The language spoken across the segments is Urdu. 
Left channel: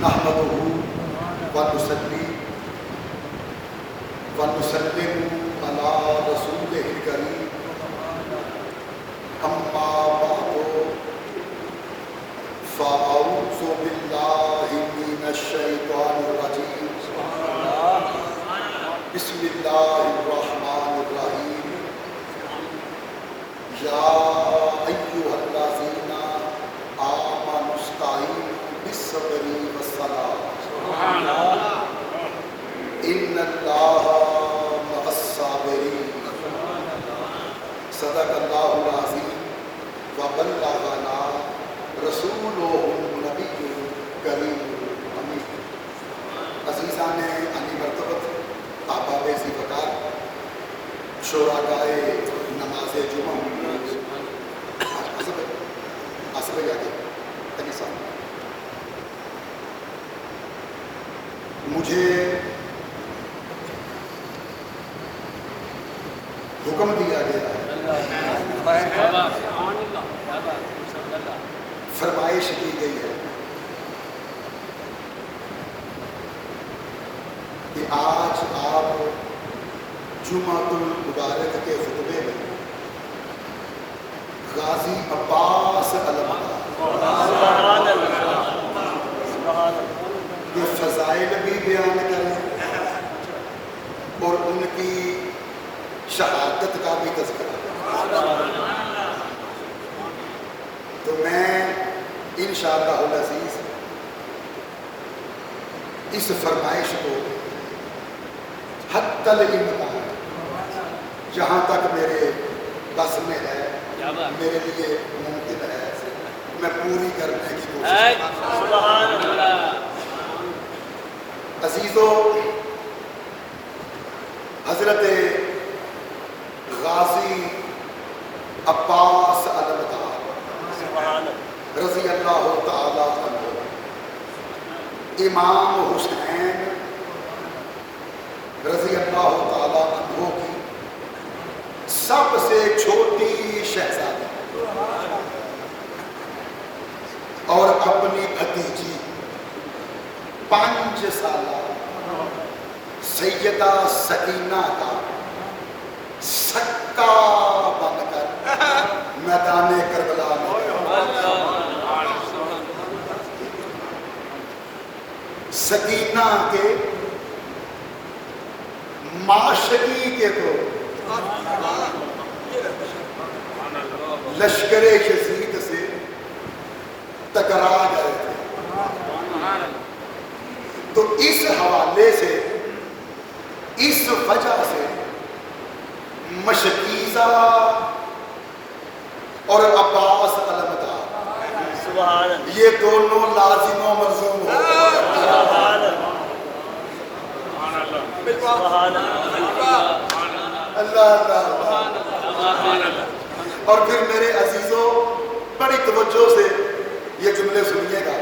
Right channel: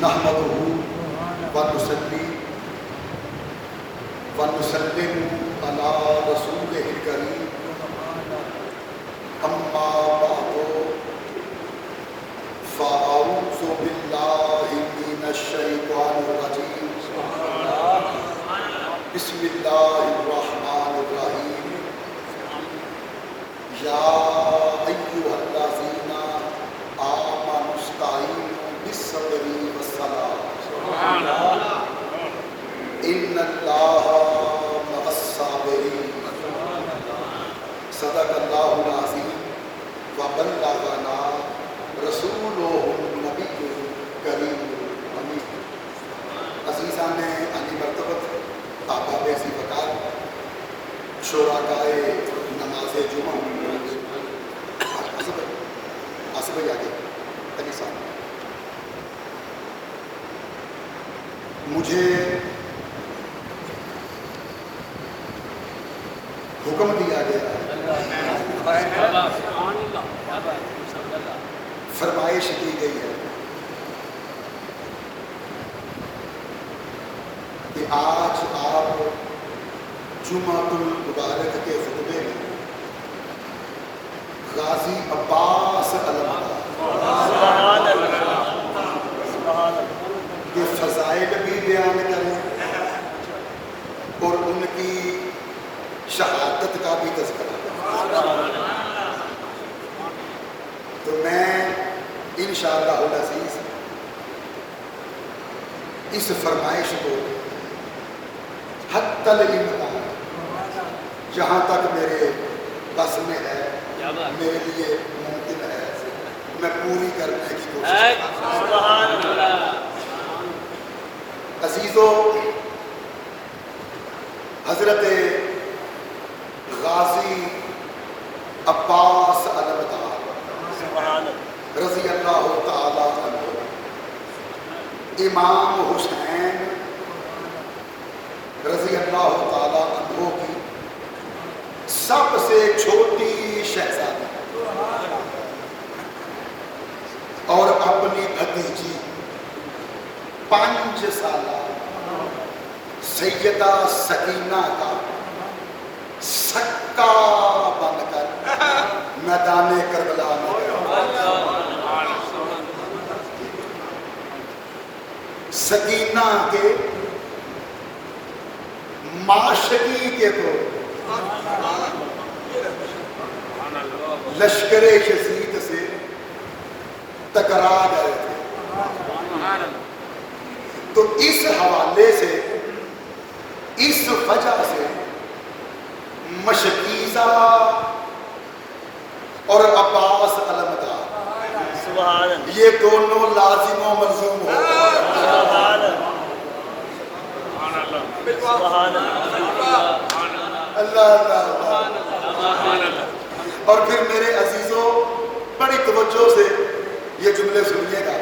نحمدہ ونصلی ونسلم علی رسولہ الکریم اما بعد فاعوذ باللہ من الشیطان الرجیم بسم اللہ الرحمن الرحیم یا ایھا الذین آمنوا استعینوا بالصبر والصلاۃ ان اللہ مع الصابرین صدق اللہ العظیم وبلغنا رسولہ النبی الکریم الامین۔ عزیزان علی مرتبت احباب ذی وقار، شرکائے نماز جمعہ، آصف بھائی آگے علی صاحب، مجھے حکم دیا گیا ہے، فرمائش کی گئی ہے کہ آج آپ جمعۃ المبارک کے خطبے میں غازی عباس علمدار کے فضائل بھی بیان کریں اور ان کی شہادت کا بھی تذکرہ کریں، تو میں انشاءاللہ العزیز اس فرمائش کو حتی الامکان جہاں تک میرے بس میں ہے، میرے لیے ممکن ہے، میں پوری کرنے کی کوشش کروں۔ عزیزو، حضرت غازی عباس علمدار رضی اللہ تعالی عنہ، امام حسین رضی اللہ تعالی عنہ کی سب سے چھوٹی شہزادی اور اپنی بھتیجی 5 سالہ سیدہ سکینہ کا سکہ بن کر میدان کربلا میں سکینہ کے معاشقی کے تو لشکر یزید سے ٹکرا گئے تھے، تو اس حوالے سے، اس وجہ سے مشکیزہ اور عباس علمدار یہ دونوں لازم و ملزوم ہو اللہ اللہ۔ اور پھر میرے عزیزوں بڑی توجہ سے یہ جملے سنیے گا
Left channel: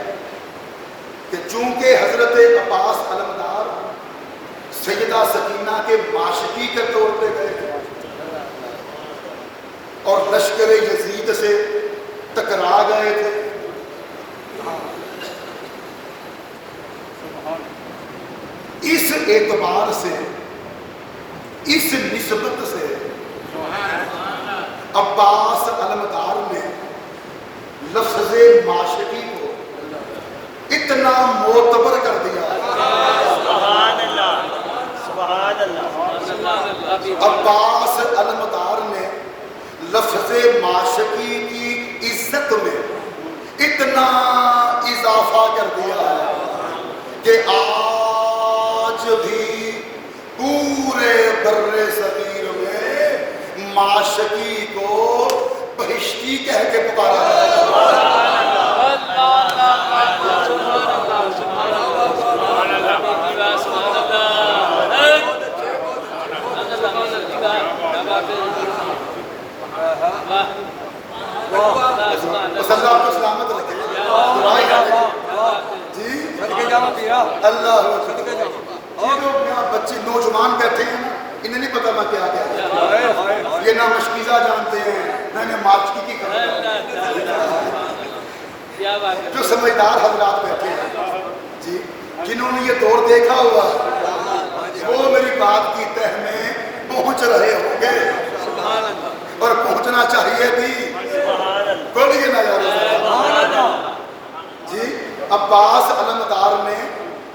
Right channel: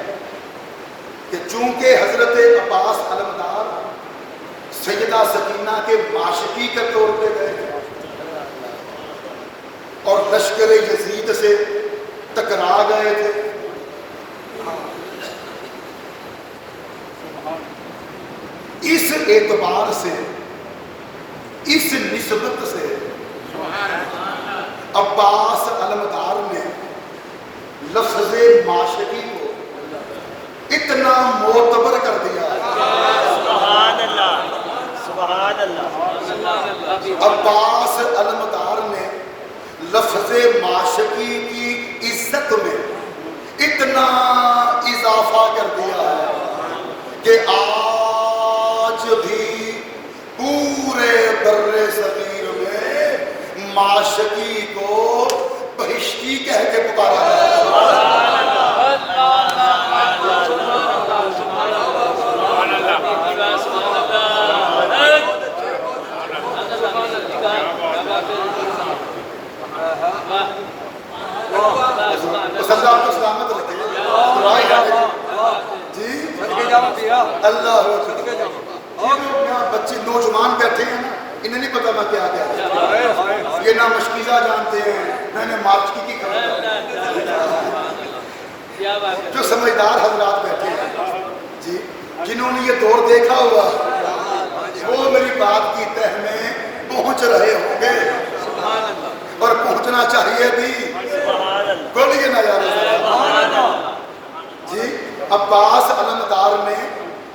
کہ چونکہ حضرت عباس علمدار سیدہ سکینہ کے معاشقی کے طور پہ گئے تھے اور لشکر یزید سے ٹکرا گئے تھے، اس اعتبار سے، اس نسبت سے عباس علمدار نے لفظ معاشقی کو اتنا معتبر کر دیا ہے۔ عباس علمدار نے لفظ معاشقی کی عزت میں اتنا اضافہ کر دیا ہے کہ آج بھی پورے بر صغیر میں معاشقی کو بہشتی کہہ کے پکارا جاتا ہے۔ آپ کو سلامت رکھے جی اللہ، بچے نوجوان بیٹھے ہیں نا، انہیں نہیں پتا میں کیا کہتا ہوں، یہ نہ مشکیزہ جانتے ہیں نہ انہیں مارچکی کی خبر، جو سمجھدار حضرات بیٹھے ہیں جی جنہوں نے یہ دور دیکھا ہوا ہے وہ میری بات کی تہ میں پہنچ رہے ہوں گے اور پہنچنا چاہیے بھی. بولیے نا یار. جی عباس علمدار نے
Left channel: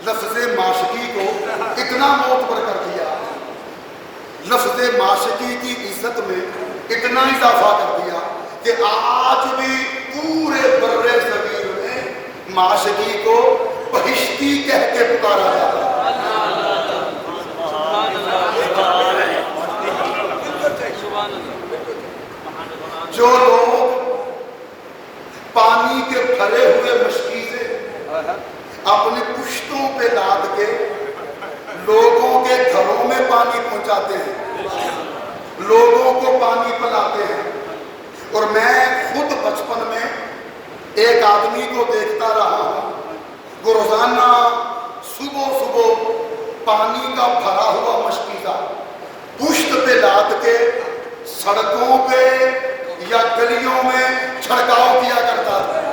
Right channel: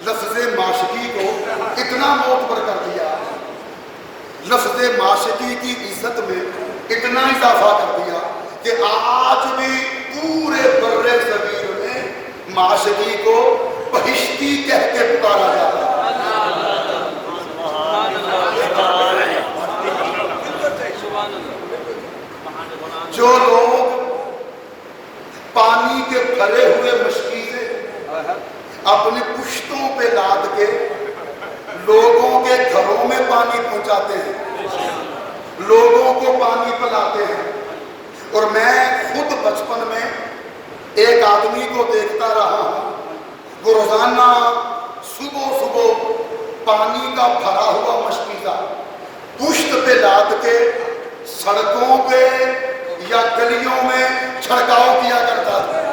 لفظ معاشقی کو اتنا معتبر کر دیا, لفظ معاشقی کی عزت میں اتنا اضافہ کر دیا کہ آج بھی پورے بر صغیر میں معاشقی کو بہشتی کہہ کے پکارا جاتا ہے. جو لوگ پانی کے بھرے ہوئے مشکی سے اپنی پشتوں پہ لاد کے لوگوں کے گھروں میں پانی پہنچاتے ہیں, لوگوں کو پانی پلاتے ہیں, اور میں خود بچپن میں ایک آدمی کو دیکھتا رہا ہوں, وہ روزانہ صبح صبح پانی کا بھرا ہوا مشکی کا پشت پہ لاد کے سڑکوں پہ یا گلیوں میں چھڑکاؤ کیا کرتا تھا.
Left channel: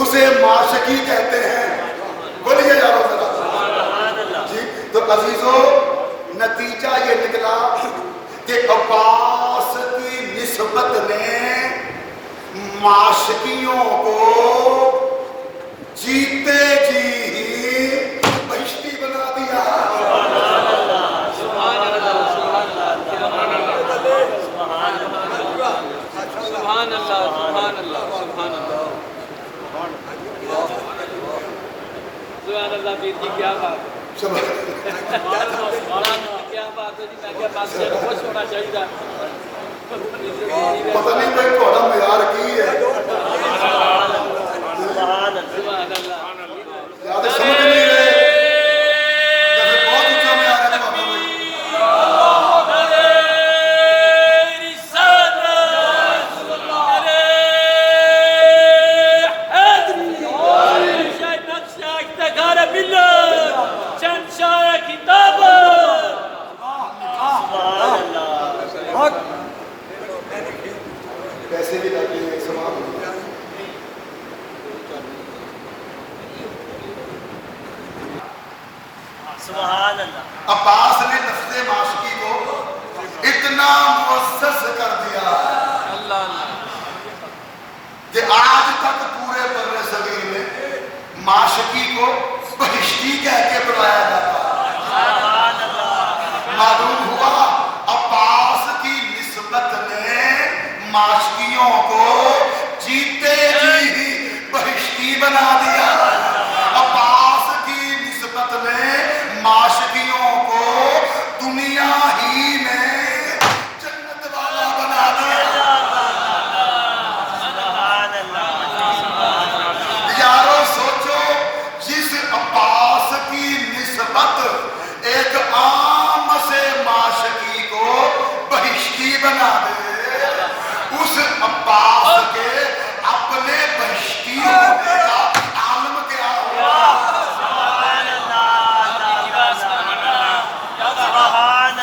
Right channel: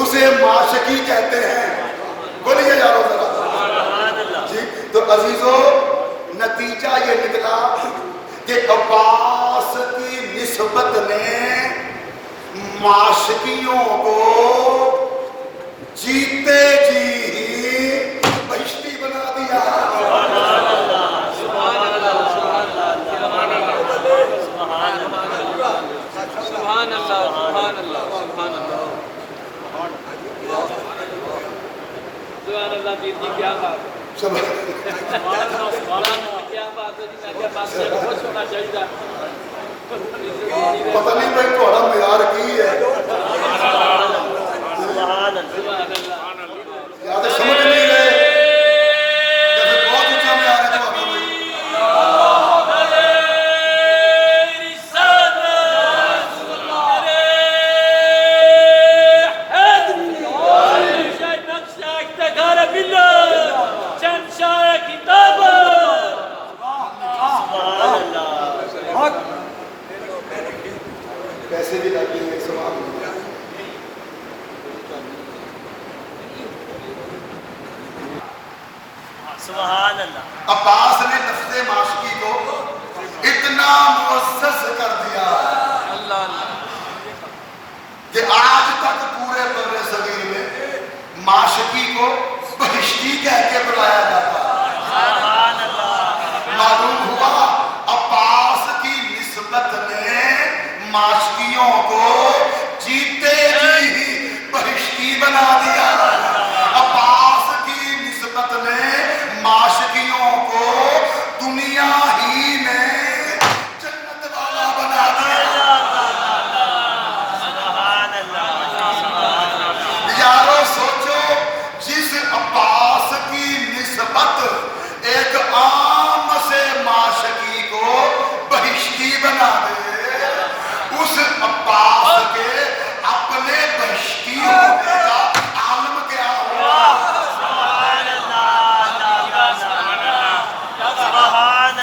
اسے معاشقی کہتے ہیں. بولیے جاؤ ذرا. جی تو عزیزو نتیجہ یہ نکلا کہ عباس کی نسبت نے معاشقیوں کو جیتے جی ہی بہشتی بنا دیا. سبحان اللہ سبحان اللہ سبحان اللہ. سبحان اللہ پیر جی کیا بات کیا بات ہے جی. میں کیا بات سننا چاہیے پتہ نہیں بھائی تھوڑا معیار کی ہے یاد سمجھ نہیں رہے جیسے بہت اونچا معیار ہے تو بھائی پیسے بھی لگتے ہیں سلام. عباس نے لفظ معاشقی کو اتنا معزز کر دیا کہ آج تک پورے بر صغیر میں معاشقی کو بہشتی کہہ کے بلایا جاتا ہے. معلوم ہوا عباس کی نسبت نے معاشقیوں کو جیتے جی ہی بہشتی بنا دیا. عباس کی نسبت نے معاشقیوں کو دنیا ہی میں جنت والا بنا دیا. یارو سوچو جس عباس کی نسبت ایک عام سے معاشقی کو بہشتی بنا دے, اس عباس کے اپنے بہشتی ہونے کا عالم کیا ہوا.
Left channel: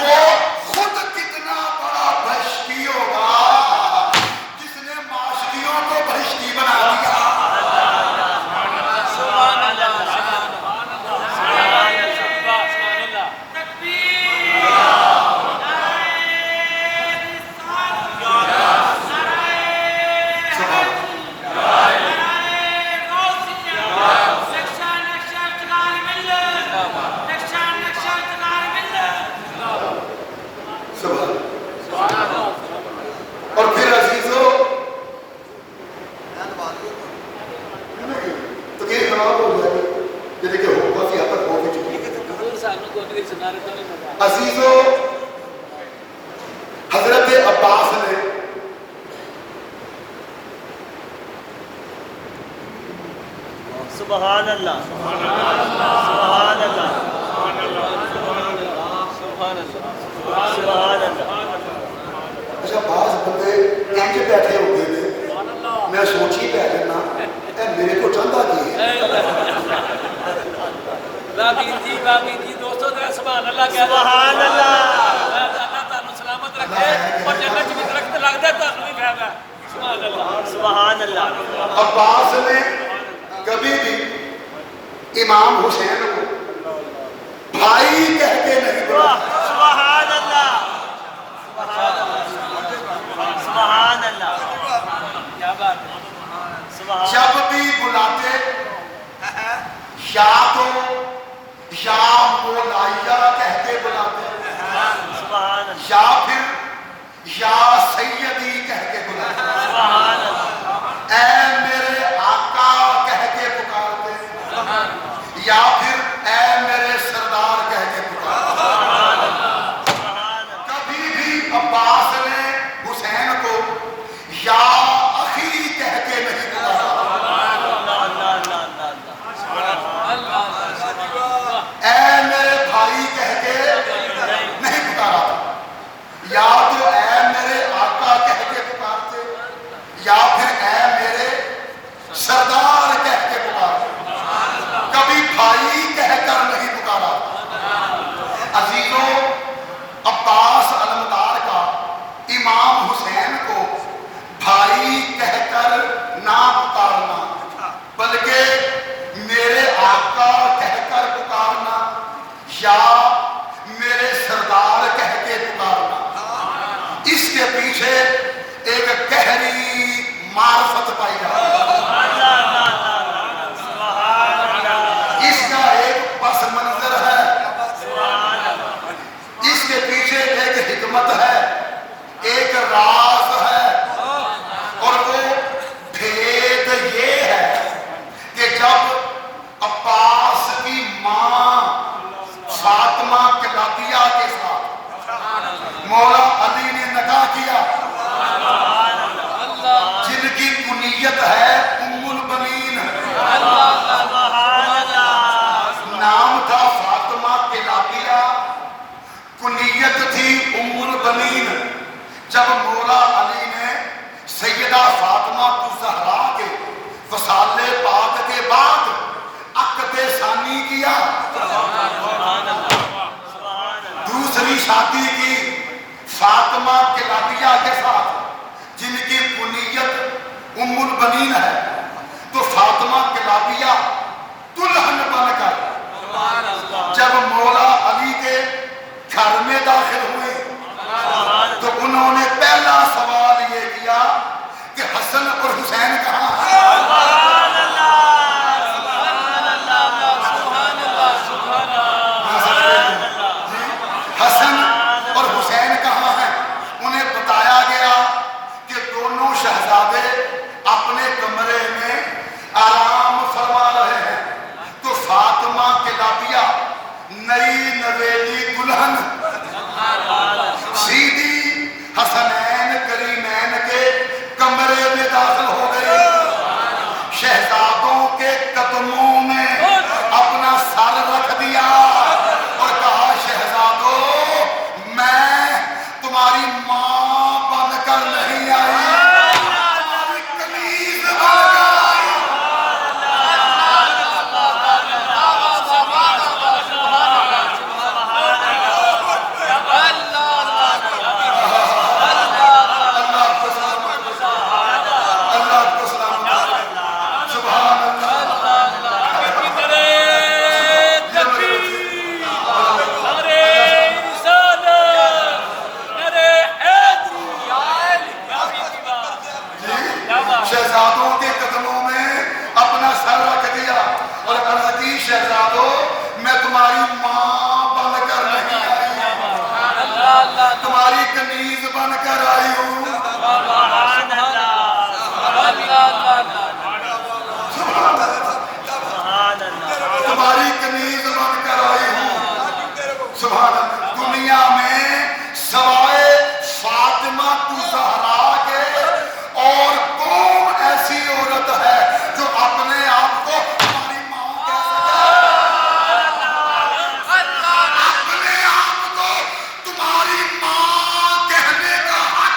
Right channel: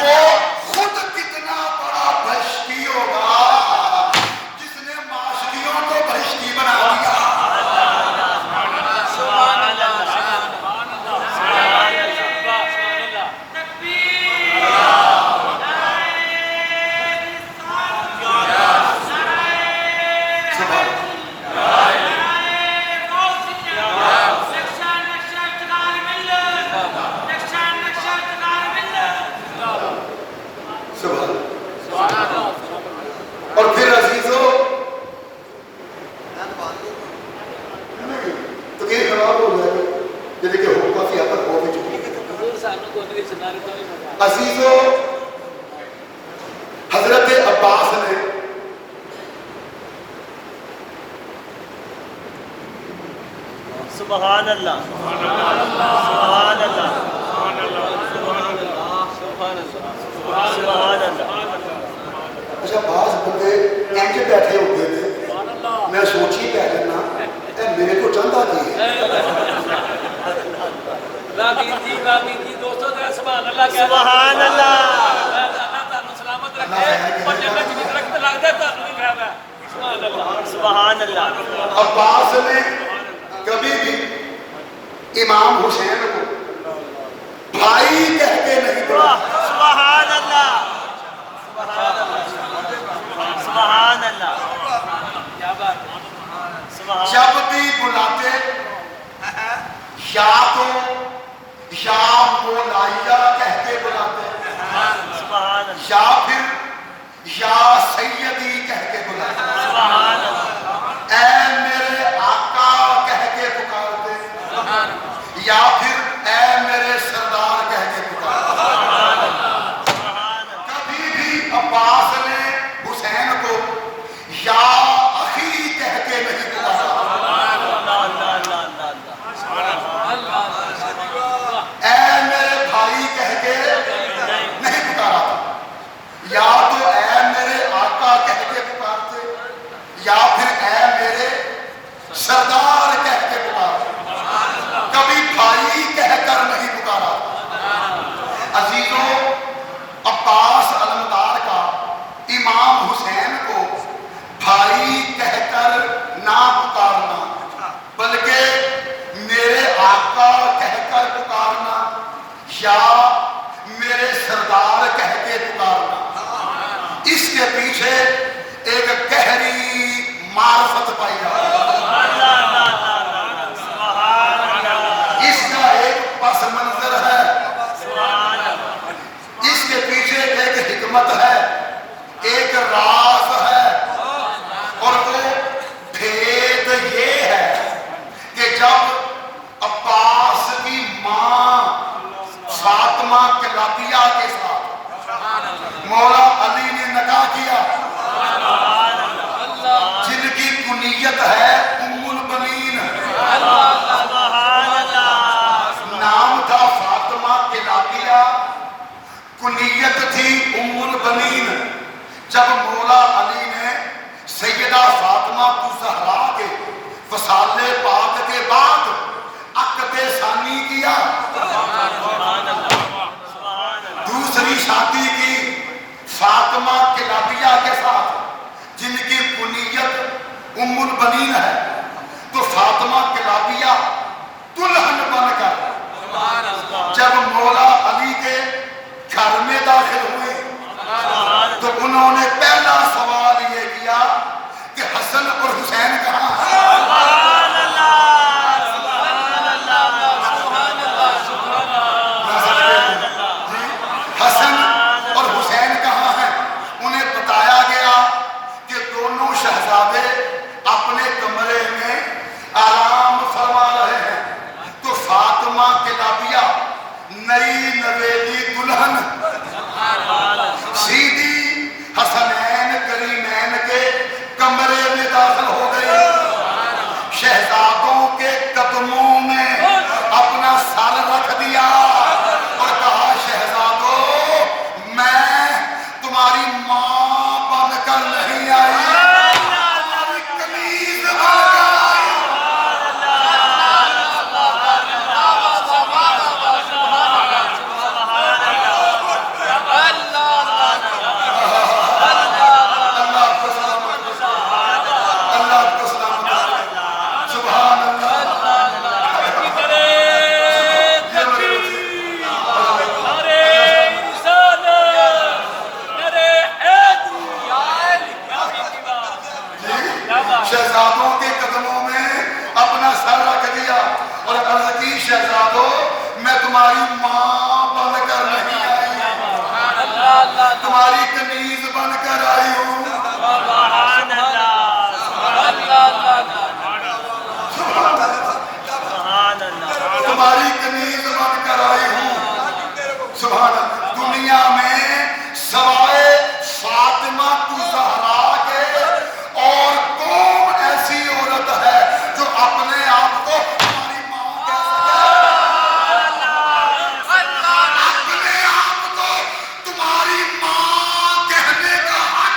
وہ خود کتنا بڑا بہشتی ہوگا جس نے معاشقیوں کو بہشتی بنا دیا. سبحان اللہ اور پھر عزیزو تو یہ خراب ہو گیا یہ دیکھیں ہو کافی حد تک ہو بھی چکی ہے. عزیزو حضرت عباس نے سبحان اللہ سبحان اللہ سبحان اللہ. سبحان اللہ. اچھا بعض بندے انج بیٹھے ہوتے ہیں میں سوچی پہ جانا اے میرے کو چاہتا کی ہے. دوستوں نے سبحان اللہ کیا سبحان اللہ. سلامت رکھے اور جنت کی طرف لگتا عباس نے کبھی بھی امام حسین کو بھائی کہہ کے نہیں بلایا. سبحان اللہ سبحان اللہ کیا بات ہے. جب بھی بلاتے یا تو یا مولایا کہہ کے بلاتے سبحان اللہ یا پھر یا سیدی کہہ کے بلاتے, سبحان اللہ اے میرے آقا کہہ کے پکارتے, یا پھر اے میرے سردار کہہ کے پکارتے. کبھی بھی عباس نے حسین کو یا اخی کہہ کے نہیں پکارا, اے میرے بھائی کہہ کے نہیں پکارا. یا تو اے میرے آقا کہہ کے پکارتے یا پھر اے میرے سردار کہہ کے پکارتے, کبھی بھائی کہہ کر نہیں پکارا. عزیزوں, عباس علمدار کا امام حسین کو بھائی کہہ کر نہ پکارنا بلکہ میرے آقا کہہ کر پکارنا یا میرے سردار کہہ کے پکارنا, اس کے پیچھے ایک گہری معرفت پائی جاتی ہے. اس کا ایک پس منظر ہے, اس کے پیچھے ایک حکمت ہے, ایک راز ہے, اور وہ بھید یہ ہے کہ جب عباس کی ماں فاطمہ کلابیہ کے ساتھ مولا علی نے نکاح کیا, جن کی کنیت ہے ام البنین, نام تھا فاطمہ کلابیہ, کنیت تھی ام البنین. جب مولا علی نے سیدہ فاطمہ الزہرا کے وصال پاک کے بعد عقد ثانی کیا, دوسری شادی کی فاطمہ کلابیہ کے ساتھ جن کی کنیت ام البنین ہے, تو فاطمہ کلابیہ دلہن بن کر جب مولا علی کے گھر میں داخل ہوئی تو انہوں نے پہلا سوال یہ کیا کہ حسن اور حسین کہاں ہیں. حسن اور حسین کہاں ہیں؟ انہیں بتایا گیا کہ دونوں شہزادے اپنے کمرے میں آرام فرما رہے ہیں. تو فاطمہ کلابیہ نئی نویلی دلہن سیدھی حسنین کریمین کے کمرے میں داخل ہو گئی, شہزادوں کے قدموں میں اپنا سر رکھ دیا اور کہا شہزادوں میں تمہاری ماں بن کر نہیں آئی, تمہاری کنیز بن کر آئی. سبحان اللہ. شہزادوں کے قدموں میں اپنا سر رکھ دیا اور کہا کہ شہزادوں میں تمہاری ماں بن کر نہیں آئی, تمہاری کنیز بن کر آئی ہوں. تمہاری کنیز بن کر آئی ہوں. سبحان اللہ. دنیا میں سوائے فاطمہ الزہرا کے اور کون ایسی عورت ہے جو اپنے آپ کو ہماری ماں کہہ سکے؟ اپنے آپ کو تمہاری ماں کہنے کا حق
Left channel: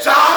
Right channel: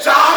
4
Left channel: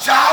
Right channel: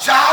4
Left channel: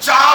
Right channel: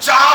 4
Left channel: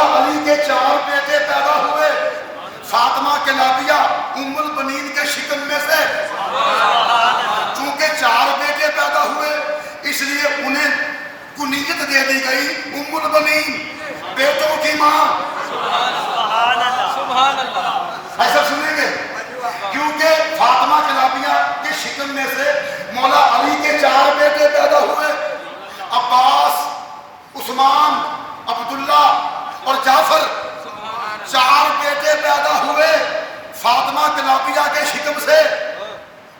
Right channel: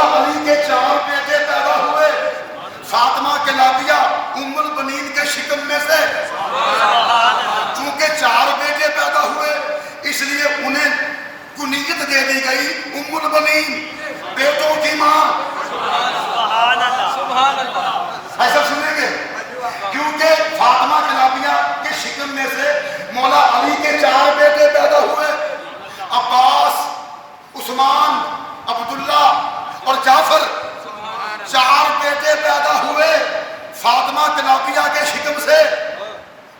مولا علی کے 4 بیٹے پیدا ہوئے، فاطمہ کلابیہ ام البنین کے شکم میں سے۔ چونکہ 4 بیٹے پیدا ہوئے اس لیے انہیں کنیت دے دی گئی ام البنین، بیٹوں کی ماں۔ سبحان اللہ۔ ایسا سنیں گے کیونکہ فاطمہ کلابیہ کے شکم میں سے مولا علی کے 4 بیٹے پیدا ہوئے، عباس، عثمان، عبداللہ اور جعفر۔ 4 بیٹے پیدا ہوئے فاطمہ کلابیہ کے شکم سے،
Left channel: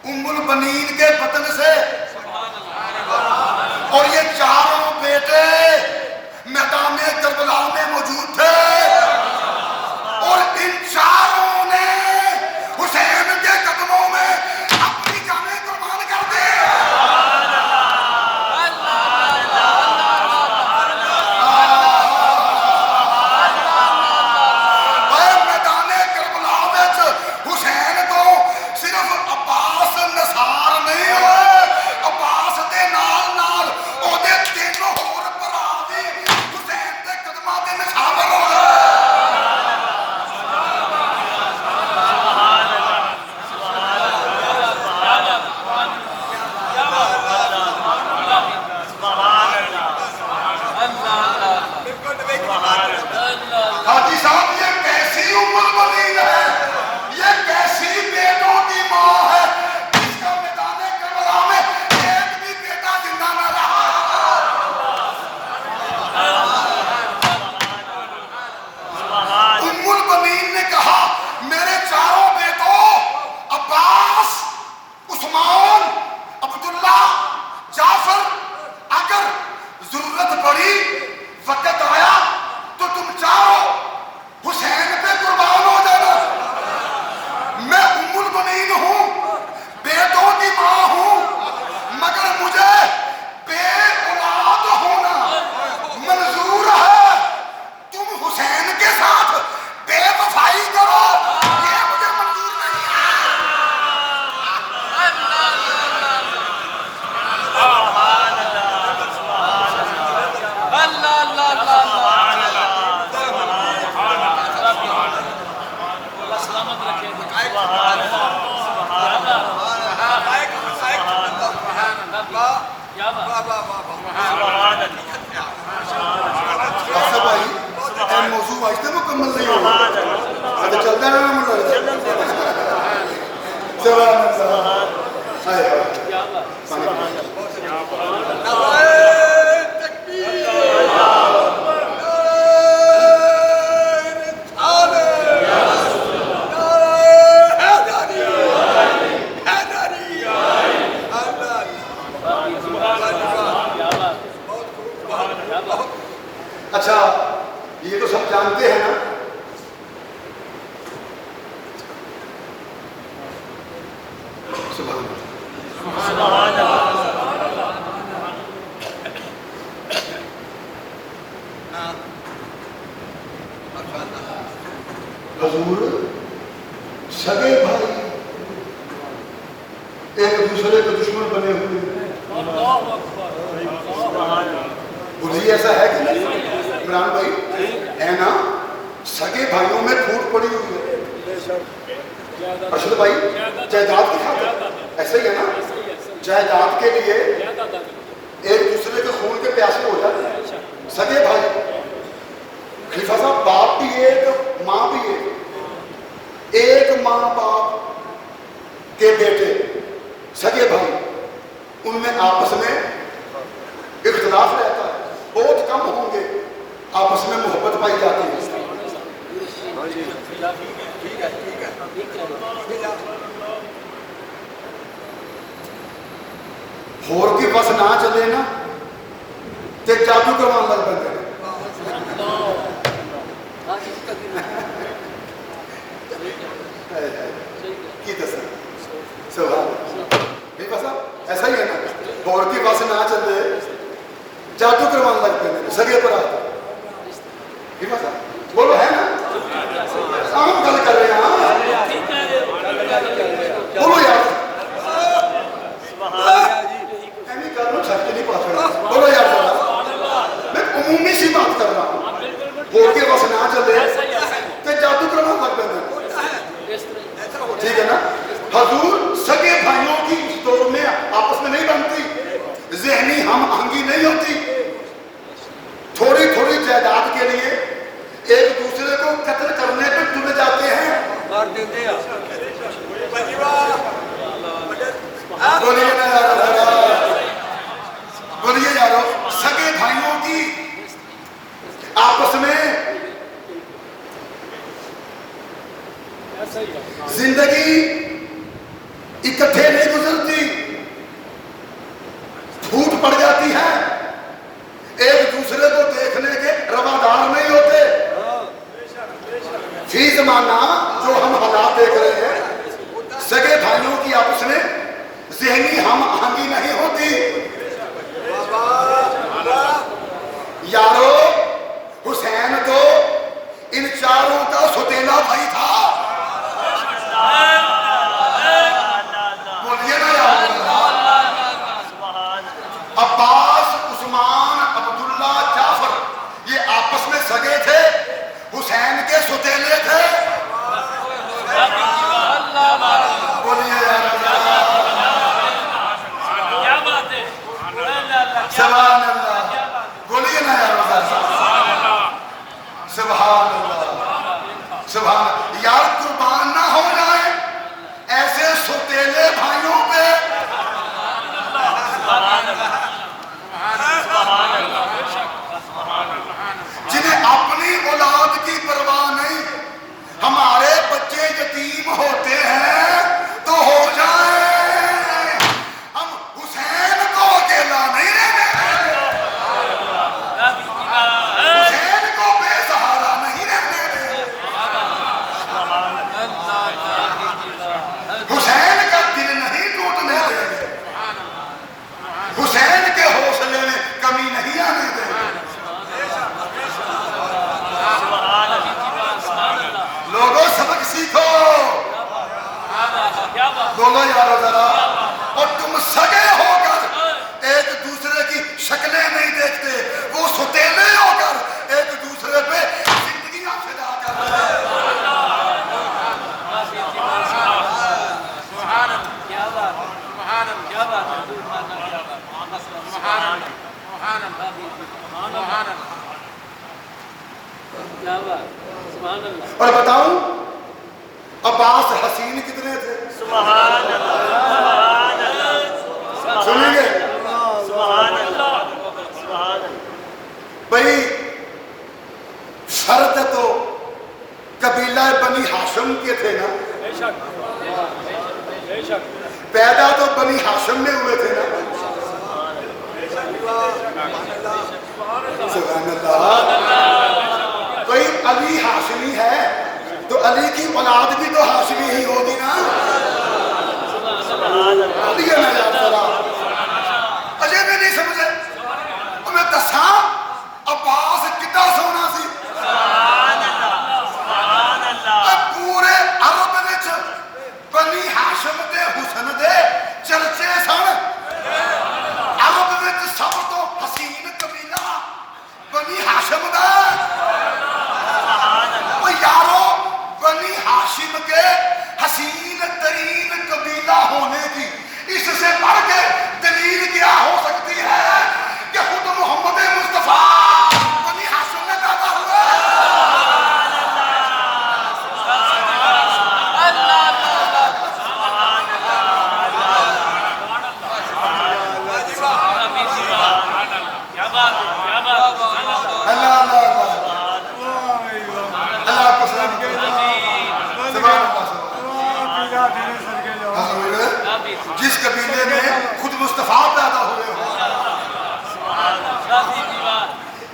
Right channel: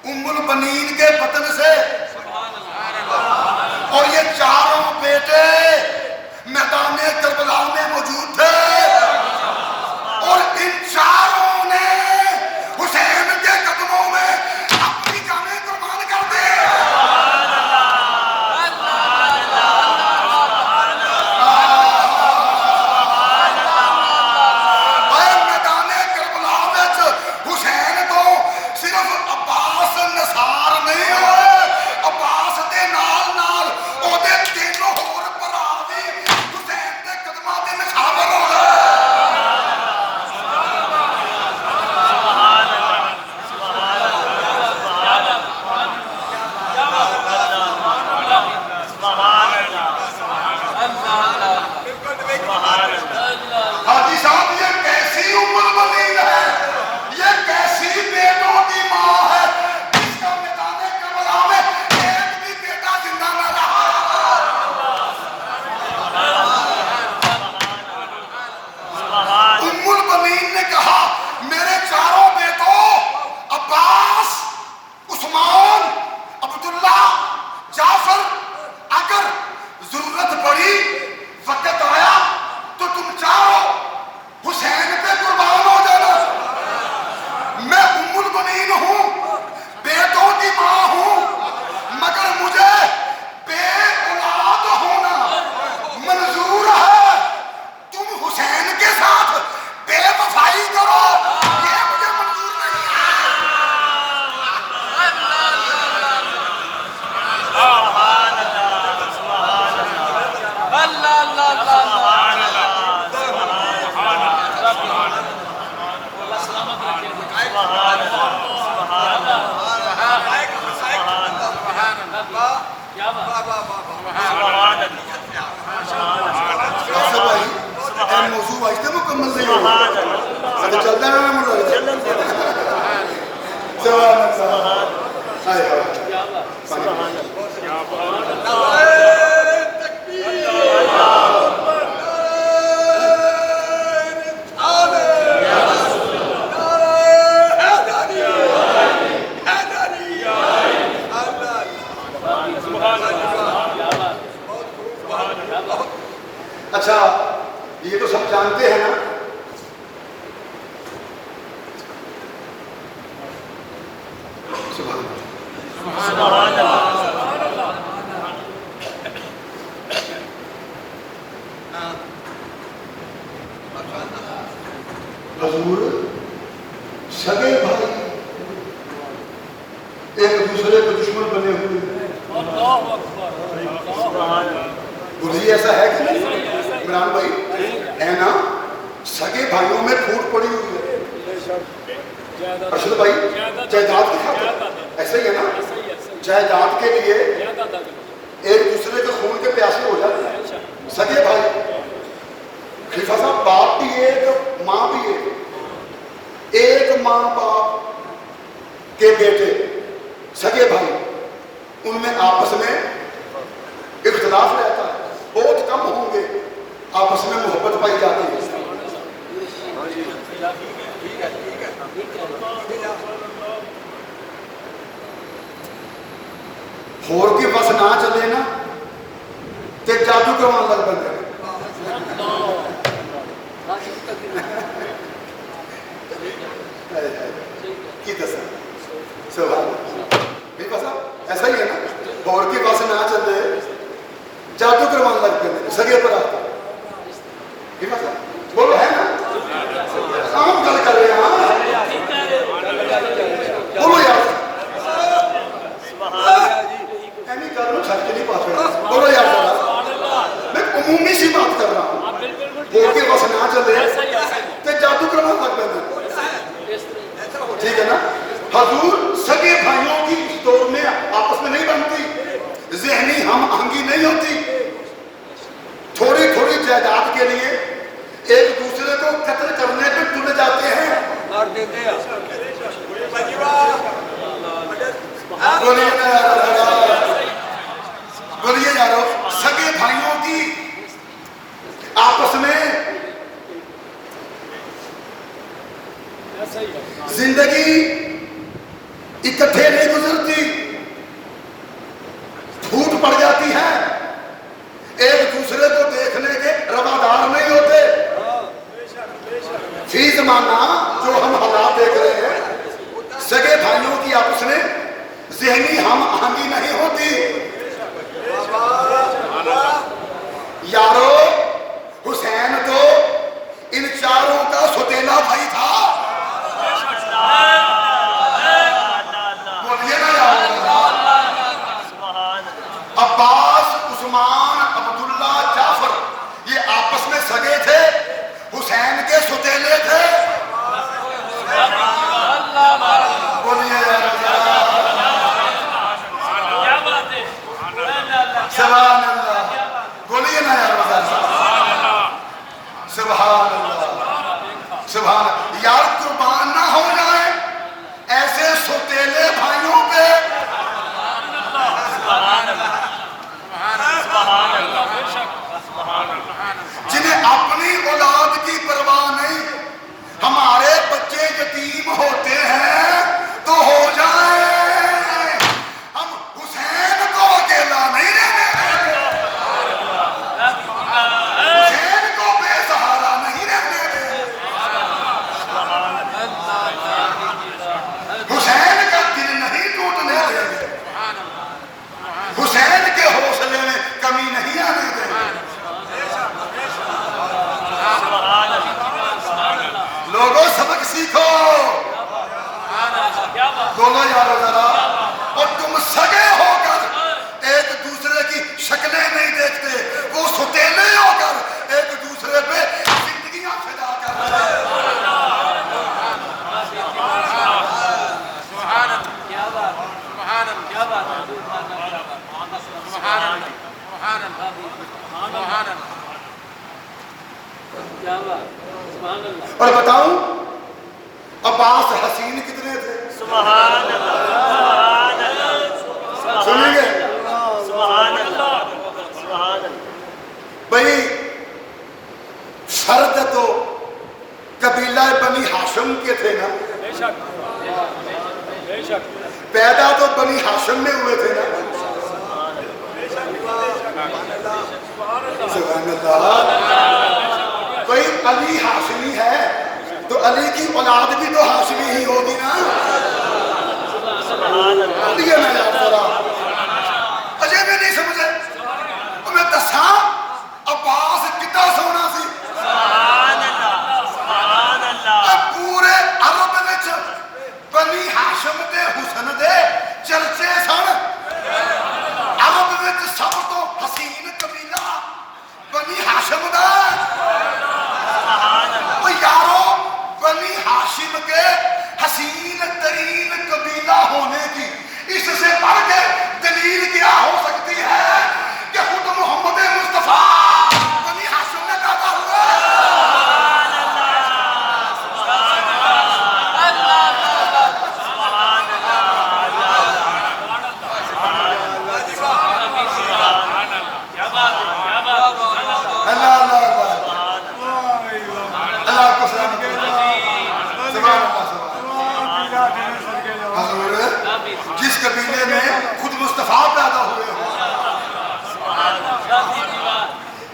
ام البنین کے بطن سے، اور یہ 4 بیٹے میدان کربلا میں موجود تھے، اور ان 4 نے حسین کے قدموں میں اپنی جانیں قربان کر دی۔ میدان کربلا میں حسین کو صرف عباس نثار نہیں ہوئے، عباس دے نال نال او دے 3 ہور بھرا بھی حسین دے قدماں دے نشاور ہو گئے۔ حاجی صاحب یہ کیسی ام البنین ہے، یہ کیسی بیٹوں کی ماں ہے جس کا میدان کربلا میں ایک بھی بیٹا زندہ نہ رہا۔ ام البنین نے کہا میرے 4 بیٹوں عباس، عثمان، عبداللہ، جعفر، اگر ضرورت پڑی، وقت آیا تو تم چاہو حسین پہ قربان ہو جانا۔ میں ام البنین ہوں، بیٹوں کی ماں ہوں، مگر مجھے بے اولاد ہونا منظور ہے۔ تم حسین کے ساتھ بے وفائی کرو، یہ مجھے منظور نہیں ہے۔ اللہ اللہ اللہ آصف بھائی اے موضوع واسطے مکمل نہیں ہوگا، اب چلتا رہنا مجھے لگتا ہے۔ سبحان اللہ۔ ہائے ہائے۔ اچھا یہ تو سب جانتے ہیں نا، حضور سگے بھائی ایک دوسرے کے دشمن بنے ہوئے ہیں۔ بولیے ایسا ہے کہ نہیں عمران بھائی؟ ہے نا، سگے بھائیوں میں پھوٹ پڑی ہوئی ہے۔ ارشد بھائی جائیداد کی خاطر ایسا ہی ہے نا، جائیداد کے لیے ایک دوسرے کے خون کے پیاسے ہو جاتے ہیں سگے بھائی۔ خلیفہ صاحب باپ بھی ایک ماں بھی ایک ماں باپ کے بیٹے سگے بھائی، ان میں آپس میں اختلاف رہتا ہے، بہت کم ہوں گے آپس میں محبت پائی جاتی ہے۔ ہور کی بس نہ چلے نا تے جادو کروان لگ پہ کی دسا سوال ایسا ہی ہے نا، ہور کی بس نہ چلے جادو کروان لگ پہ سگے پر آتا بولو ہے نا، ہم گل کر رہے ہیں بولو یار، بولو یار میں عمومی سی بات کر رہا ہوں، ہو کے بس نہ چلے تے جادو کرنا لگ پہ ٹھیک ہے نا. حضور سگے بھائیوں کی اس دور میں آپس میں نہیں بنتی, ذہنی ہم آہنگی نہیں ہوتی, تھوڑی تھوڑی جائیداد کے لیے ایک دوسرے کو قتل کرنے پہ تلے جاتے ہیں. بولیے یارو, سگے بھائیوں کی آپس میں زندگی اکٹھے نہیں گزرتی, پھوٹ پڑ جاتی ہے, ایک دوسرے کو دیکھنے کے روادار نہیں ہوتے. فی زمانہ جو ہم حالات دیکھ رہے ہیں, سگے بھائیوں کی آپس میں ذہنی ہم آہنگی نہیں ہوتی. یارو حسین تو ان چاروں کا ستیلا بھائی تھا. بولیے نا عباس, عثمان, عبداللہ, جعفر یہ آپس میں سگے تھے, حسین کے ستیلے تھے. بولیے یار سبحان اللہ, بولیے نا یار سبحان اللہ, سبحان یار قربان نہ ہو جائے ایسے ستیلے بھائیوں پہ. جنہیں اپنی اولاد کی پرواہ نہیں, ہمارے بچے یتیم ہوتے ہیں تو ہو جائیں, ہم حسین کو اکیلا نہیں رہنے دیں گے, حسین کو بے سہارا نہیں رہنے دیں گے, حسین کا دل نہیں ٹوٹنے دیں گے, حسین کے حوصلے میں کمی نہیں آنے دیں گے. لوگوں سبق سیکھو, بولو یارو ذرا. اور تم سگے ہو کر ایک دوسرے کی شکلیں نہیں دیکھتے, وہ ستیلے ہو کر ایک دوسرے پہ زندگیاں فدا کر رہے ہیں. اور بتاؤں عباس حسین کتنے تھے؟ سنیں گے بھائی, شرط تو قبیلہ بنی ہاشم کے تھے نا, پیدا تو بنی ہاشم میں ہوئے تھے نا. سبحان اللہ. کوئی علی ہاشمی ہے تو علی کی اولاد بھی تو ہاشمی ہی ہوگی نا. یہ میں یاد کرا اجے میں نہیں سمجھے, میں دسا عباس کتا سونا سی. پورے عرب وچ بنی ہاشم دے حسن دے چرچے سن. عرب وچ سب تو حسین قبیلہ بنی ہاشم دا. یارو بنی ہاشم کے حسین ترین قبیلہ ہونے کی اس سے بڑھ کے دلیل کیا ہو سکتی ہے کہ خود محمد مصطفیٰ بنی ہاشم میں پیدا ہوئے. اللہ اللہ اللہ کو سلامت. جس قبیلے میں خود مصطفیٰ پیدا ہوئے ہیں,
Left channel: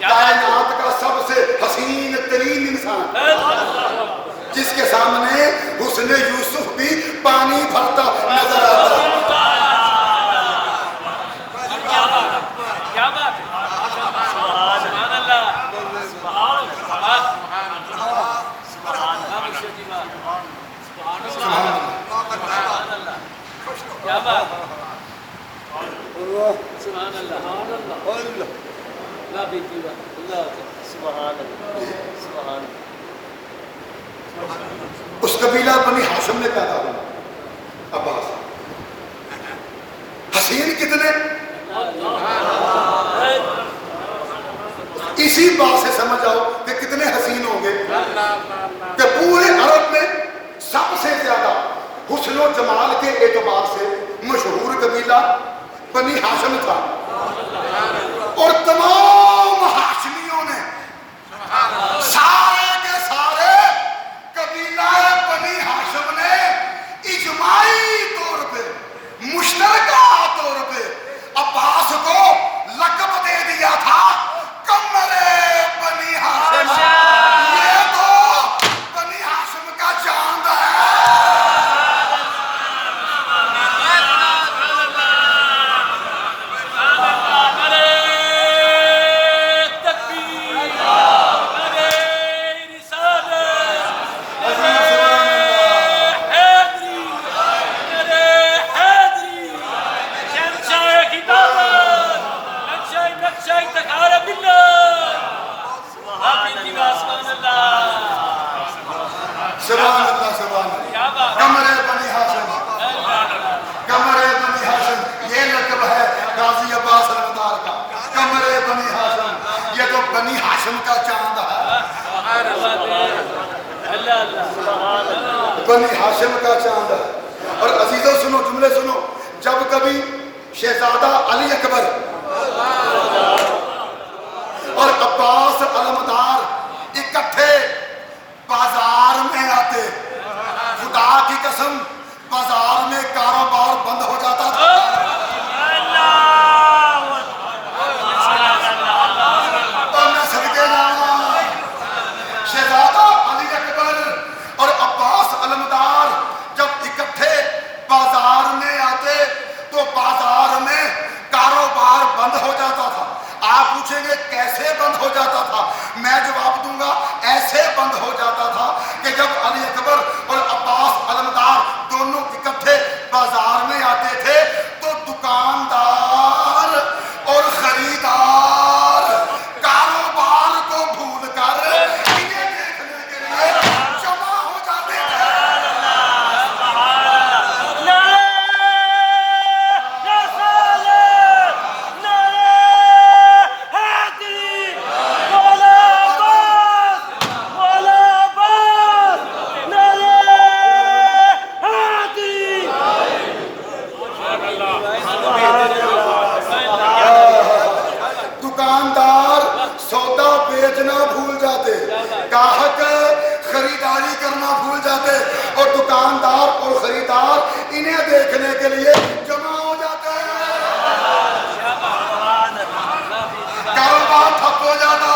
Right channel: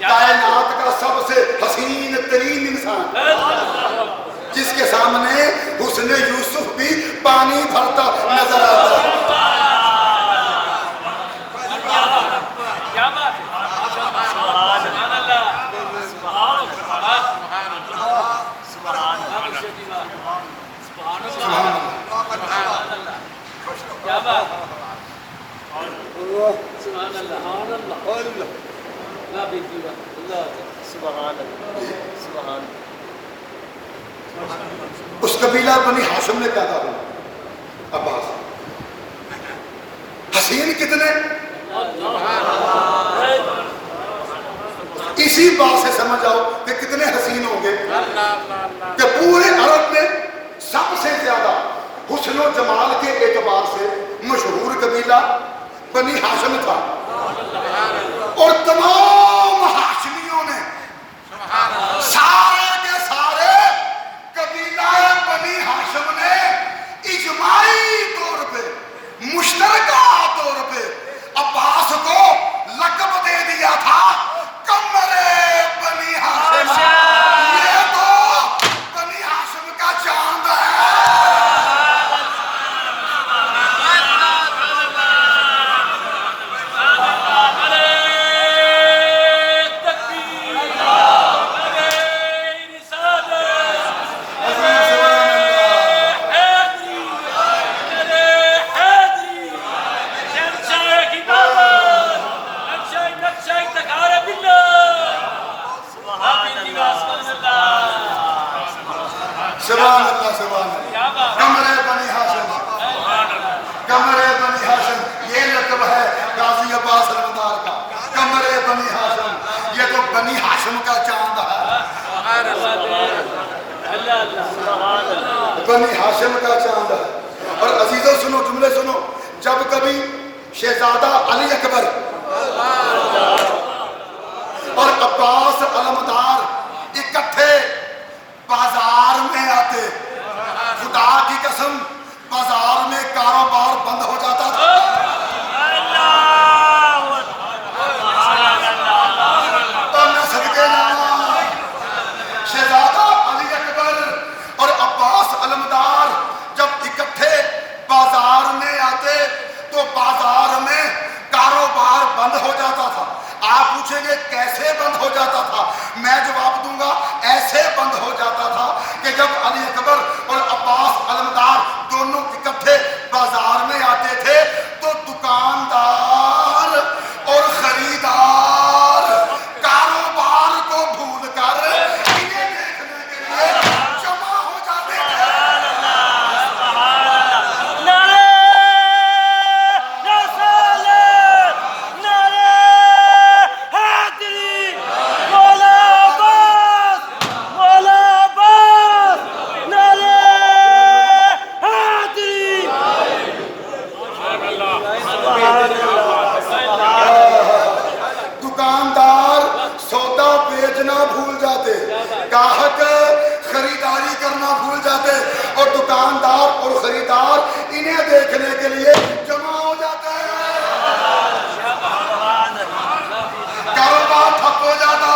کائنات کا سب سے حسین ترین انسان, جس کے سامنے حسن یوسف بھی پانی بھرتا نظر آتا ہے. اس قبیلہ بنی ہاشم میں پیدا ہوا عباس. حسین کتنے؟ اسی بات سے سمجھ آؤ کہ کتنے حسین ہوں گے کہ پورے عرب میں سب سے زیادہ حسن و جمال کے اعتبار سے مشہور قبیلہ بنی ہاشم تھا. اور تمام ہاشمیوں نے سارے کے سارے قبیلہ بنی ہاشم نے اجماعی طور پہ مشترکہ طور پہ عباس کو لقب دے دیا تھا قمر بنی ہاشم. یہ تو بنی ہاشم کا چاند ہے. سبحان اللہ سبحان اللہ. قمر بنی ہاشم، قمر بنی ہاشم یہ لقب ہے غازی عباس علمدار کا. قمر بنی ہاشم، یہ تو بنی ہاشم کا چاند ہے. بنی ہاشم کا چاند ہے. اور عزیزوں سنو، جملے سنو. جب کبھی شہزادہ علی اکبر اور عباس علمدار اکٹھے بازار میں آتے، خدا کی قسم بازار میں کاروبار بند ہو جاتا تھا. اور میں صدقے جاؤں، شہزادہ علی اکبر اور عباس علمدار جب اکٹھے بازار میں آتے تو بازار میں کاروبار بند ہو جاتا تھا. آپ پوچھیں گے کیسے بند ہو جاتا تھا؟ میں جواب دوں گا ایسے بند ہو جاتا تھا کہ جب علی اکبر اور عباس علمدار دونوں اکٹھے بازار میں آتے تھے تو دکاندار اور خریدار کاروبار کو بھول کر انہیں دیکھنے کے لیے جمع ہو جاتے تھے. دکاندار سودا بیچنا بھول جاتے، گاہک خریداری کرنا بھول جاتے، اور دکاندار اور خریدار انہیں دیکھنے کے لیے جمع ہو جاتے ہیں. کاروبار ٹھپ ہو جاتا.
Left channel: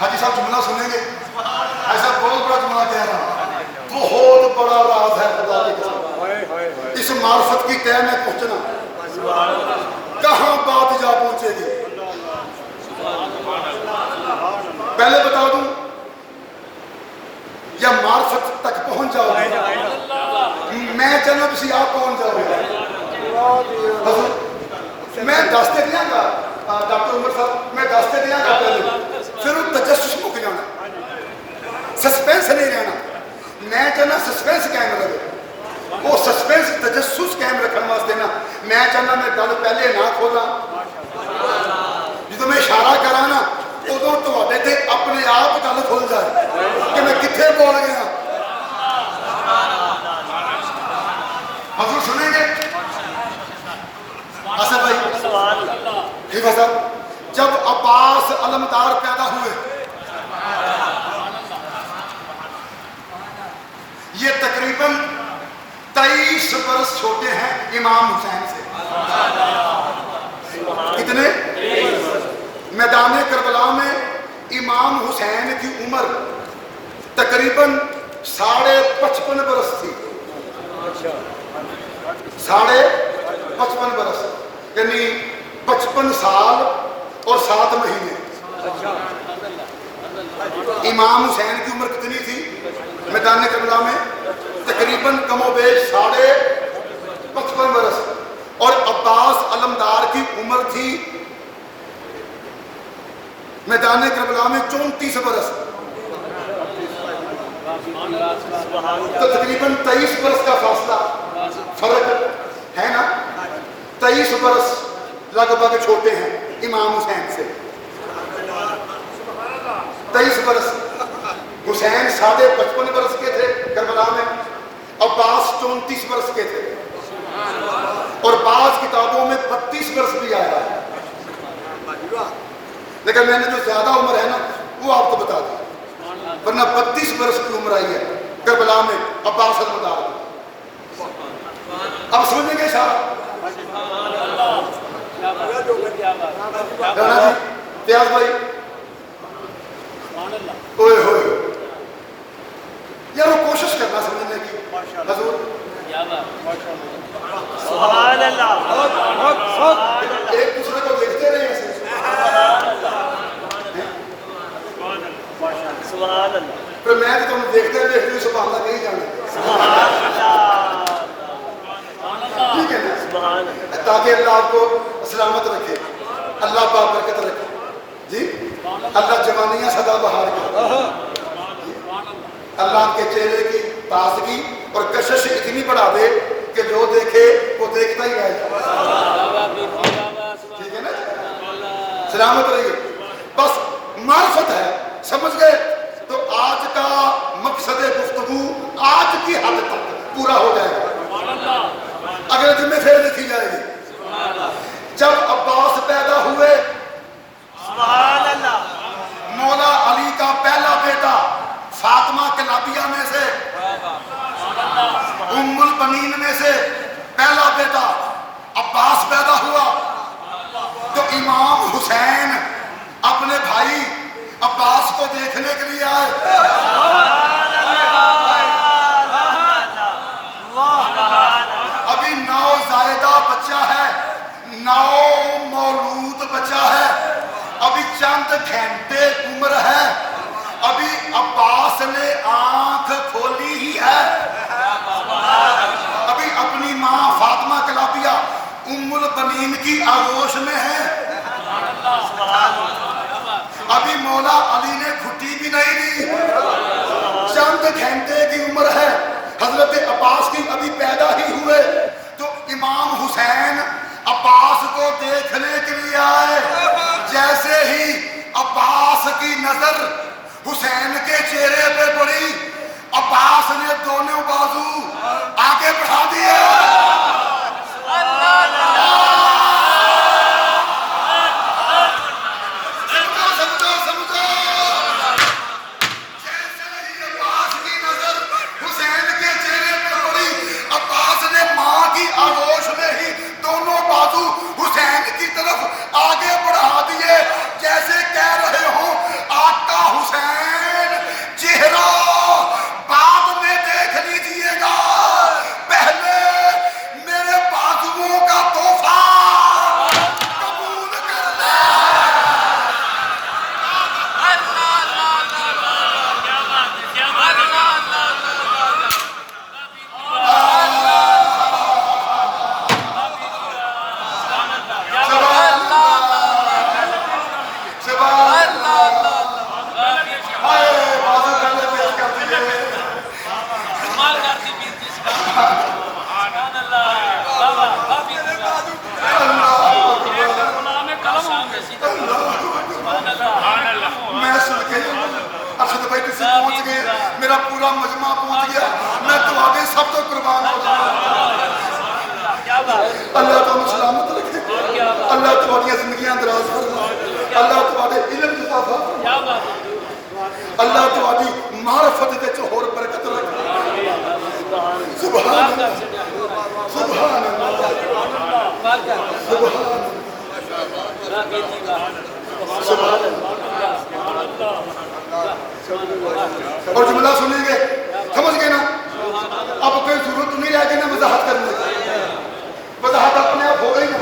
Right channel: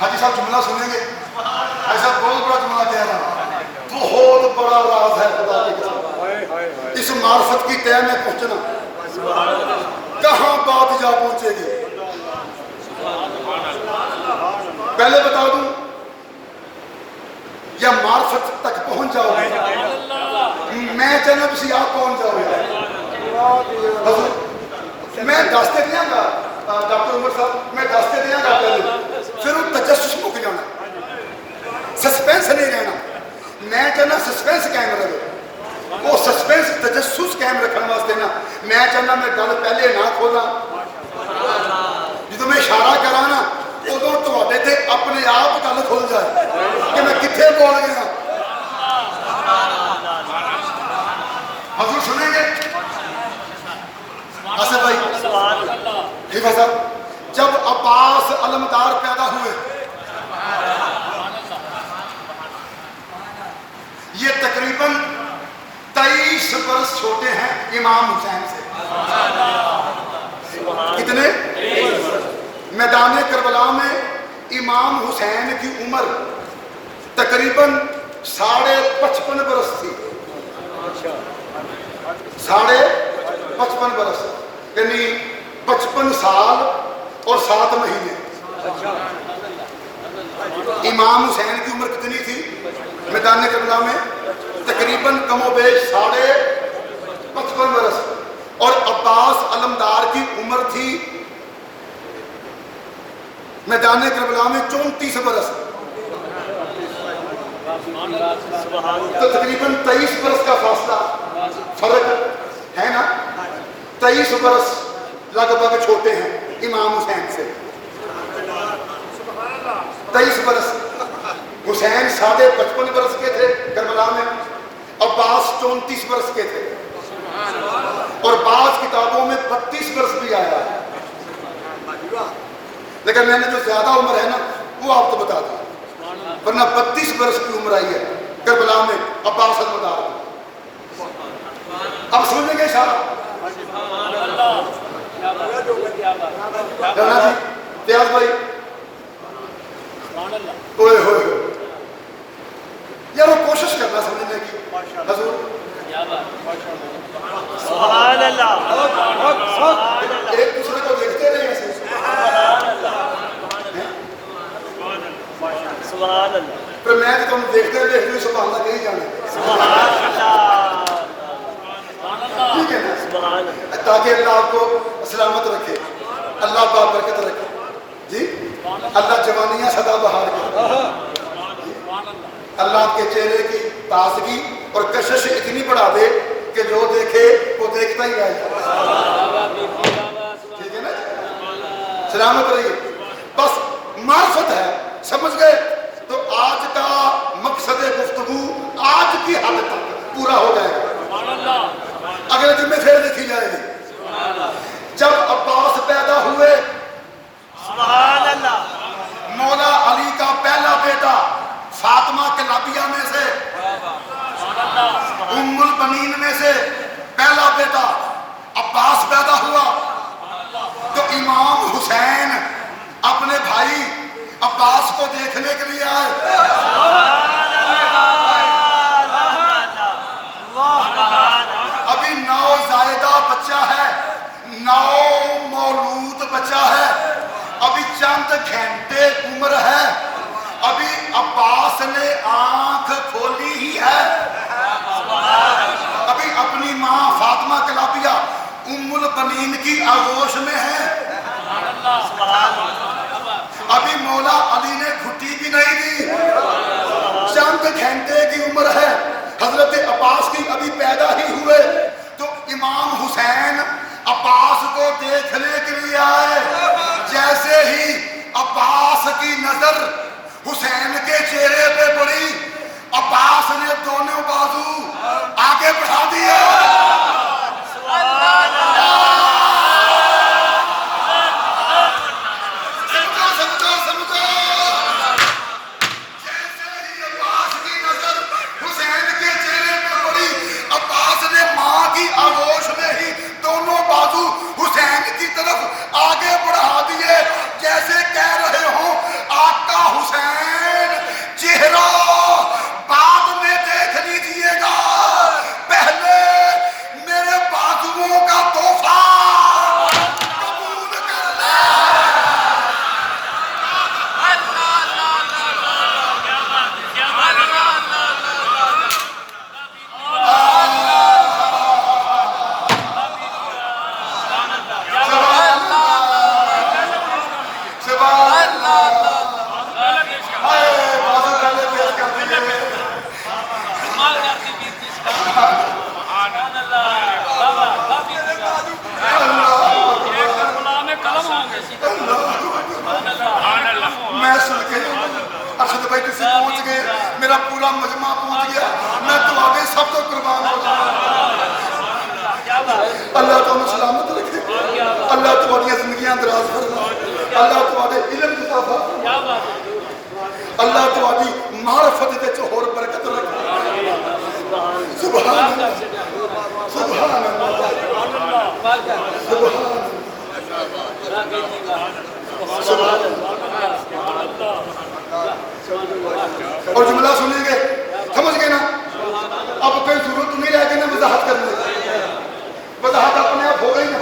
حاجی صاحب جملہ سنیں گے؟ ایسا بہت بڑا جملہ کہہ رہا ہوں، بہت بڑا راز ہے خدا کی قسم. اس معرفت کی تہ میں پہنچنا کہاں بات جا پہنچے گی. پہلے بتا دوں یا معرفت تک پہنچ جاؤ گے؟ میں چلو کسی آپ پہنچ جاؤ گے. میں دستے دیا گا ڈاکٹر عمر صاحب، میں دستے دیا گا پہلے، پھر وہ تجسس مک جانا، سسپینس نہیں رہنا. میں چاہنا سسپینس قائم رہے. وہ سسپینس تجسس قائم رکھنے واسطے نا میں چاہنا میں گل پہلے نہ کھولا. جدو میں اشارہ کرا نا ادو تے اپنے آپ گل کھل جائے کہ میں کتنے بول گیا. حضور سنیں گے؟ آصف بھائی، حفظ صاحب، جب عباس علمدار پیدا ہوئے یہ تقریباً 23 برس چھوٹے ہیں امام حسین سے. کتنے؟ میدان کربلا میں امام حسین کی عمر تقریباً 55.5 برس تھی. 55.5 برس یعنی 55 سال اور 7 مہینے. امام حسین کی عمر کتنی تھی میدان کربلا میں؟ تقریباً کم و بیش 55.5 برس. عباس علمدار کی عمر تھی میدان کربلا میں 34 برس، تو تقریباً 23 برس کا فاصلہ فرق ہے نا، 23 برس لگ بھگ چھوٹے ہیں امام حسین سے، 23 برس۔ حسین 55 برس کے تھے کربلا میں، عباس 34 برس کے تھے، اور بعض کتابوں میں 32 برس بھی آیا ہے، لیکن میں نے جو زیادہ عمر ہے نا وہ آپ کو بتا دوں، ورنہ 32 برس کی عمر آئی ہے کربلا میں عباس علمدار۔ اب سمجھیں گے صاحب رانا جی، پیاز بھائی، اوئے ہوئے یار وہ کوشش کرنا سمجھنے کی حضور، سبحان اللہ، ایک دوسرے کو دیکھتے رہے ہیں، سبحان اللہ، پھر میں تو تم دیکھتے رہے سبحان اللہ کہیں جانا، ٹھیک ہے نا، سبحان اللہ، تاکہ اللہ آپ کو سلامت رکھے، اللہ بابرکت رکھے جی، اللہ جوانیاں سدا بہار کرے، اللہ آپ کے چہرے کی تازگی اور کشش اتنی بڑھا دے کہ جو دیکھے وہ دیکھتا ہی رہ جائے، ٹھیک ہے نا، سلامت رہیے، بس معرفت ہے، سمجھ گئے؟ تو آج کا مقصد گفتگو آج کی حد تک پورا ہو جائے گا، اگلے دن میں پھر لکھی جائے گی۔ جب عباس پیدا ہوئے، سبحان اللہ، مولا علی کا پہلا بیٹا فاطمہ کلابیہ میں سے، ام البنین میں سے پہلا بیٹا عباس پیدا ہوا، تو امام حسین اپنے بھائی عباس کو دیکھنے کے لیے آئے، ابھی 9 زائدہ بچہ ہے، 9 مولود بچہ ہے، ابھی چند گھنٹے عمر ہے، ابھی عباس نے آنکھ کھولی ہی ہے، ابھی اپنی ماں فاطمہ کلابیہ ام البنین کی آغوش میں ہے، ابھی مولا علی نے گھٹی بھی نہیں دی، چند گھنٹے کی عمر ہے، حضرت عباس کی ابھی پیدا ہی ہوئے، تو امام حسین عباس کو دیکھنے کے لیے آئے، جیسے ہی عباس کی نظر حسین کے چہرے پہ پڑی، عباس نے دونوں بازو آگے بڑھا دیے، آغوش میں ہی دونوں بازو حسین کی طرف آگے بڑھا دیے، جیسے کہہ رہے ہوں آقا حسین چہرہ بعد میں دیکھ لیجیے گا، پہلے میرے بازوؤں کا تحفہ قبول کر لیں۔ میں سن کے ارشد بھائی کسی پہنچ گئے، میرا پورا مجمع پہنچ گیا، میں دعائیں سب کو قربان ہو گیا، اللہ تعالیٰ سلامت رکھے، اللہ تمہاری زندگیاں دراز فرمائے، اللہ تمہارے علم کی اضافہ فرمائے، اللہ تمہاری معرفت وچ اور برکت رکھے، سبحان اللہ، سبحان اللہ، سبحان اللہ۔ اور جملہ سنیں گے، سمجھ گئے نا؟ اب کوئی ضرورت نہیں رہ گئی نا وضاحت کرنے کی، وضاحت اپنے آپ ہو گئی نا۔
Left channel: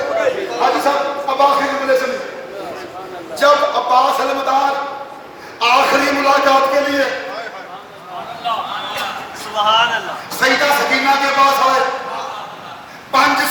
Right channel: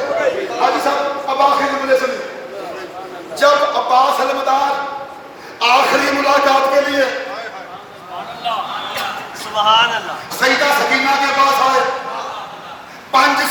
حاجی صاحب اب آخری جملے سے نہیں، جب عباس علمدار آخری ملاقات کے لیے سبحان اللہ، سیدہ سکینہ کے پاس آئے، 5